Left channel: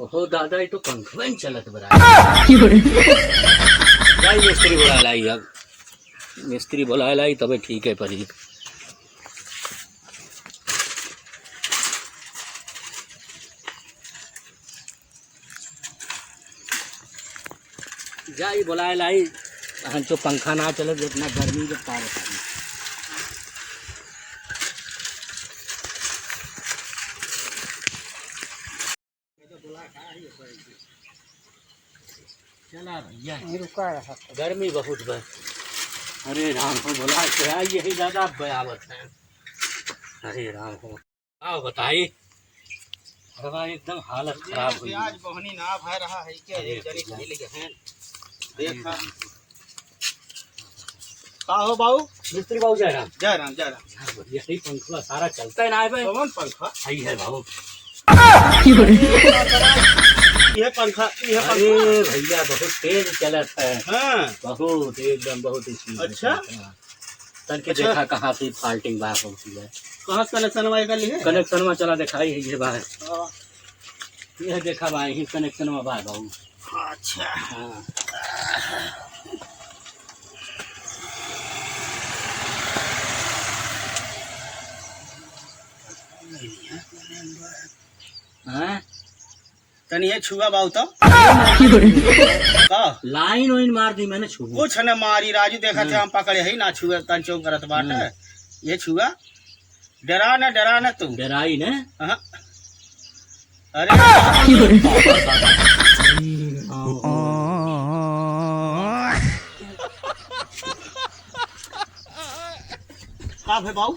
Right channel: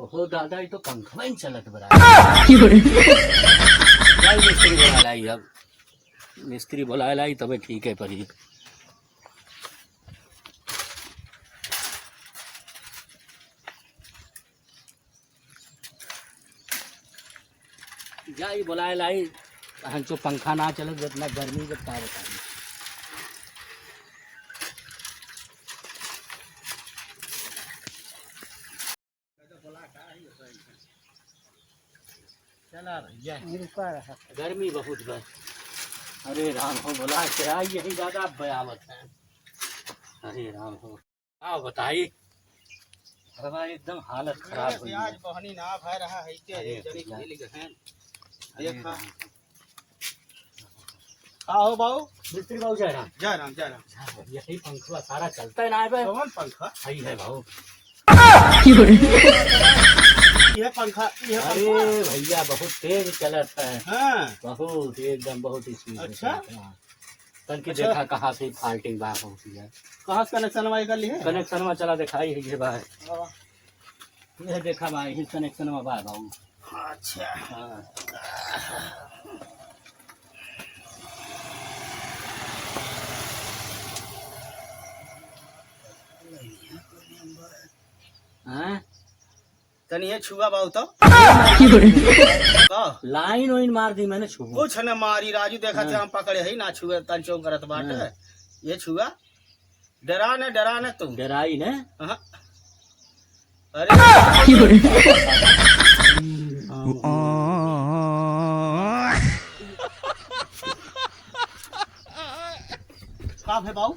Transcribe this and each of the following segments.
ओहो दादा ये तो पंखा में चलत बरा मिस्त्री बोला लाई अब मिस्त्री बोला लाई तबे ठीक है परी जाई बोला लाई हम तो पंखा ना चले जितना गर्मी के का बताई चला भैया रुका रहा गर्मी बहुत बस अरे राम हो बोला किराया यही ज्यादा बयावत है अरे राम हो आओ बताइए हमारी एकदम हालत खराब हुई आज बहनी ना भाई रहा है के जनी खेल गए देखा का हो बाबू मिस्त्री बाबू जय राम यही पंखा सारा चलता है ना भाई कौन पंखा सही है बाबू ये पंखा अरे भैया बहुत तेज चलत है हाँ बहुत एकदम बहुत ही अच्छा तन के देखा कहाँ से फाल्टिंग बात होती है कहाँ कनेक्शन वाई कर लिए कनेक्शन में चला दिखाई है ये बात यह देखा भाई ही कनेक्शन में बात बाबू अच्छा हाँ हाँ तनी ये छुआ बाबू तो लाइन वाइन मार दी मैंने छू कुछ न मारी राजू देखा थे हम पकड़े ही ना छुआ तन चौक करत बाटे ये छुआ डरा न तू डराई ने अरे का है बाबू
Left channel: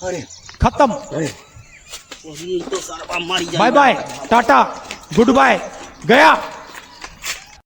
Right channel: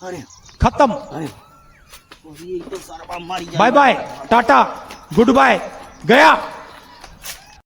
अरे खत्म अरे तो सारा मारी बाय बाय टाटा गुड बाय गया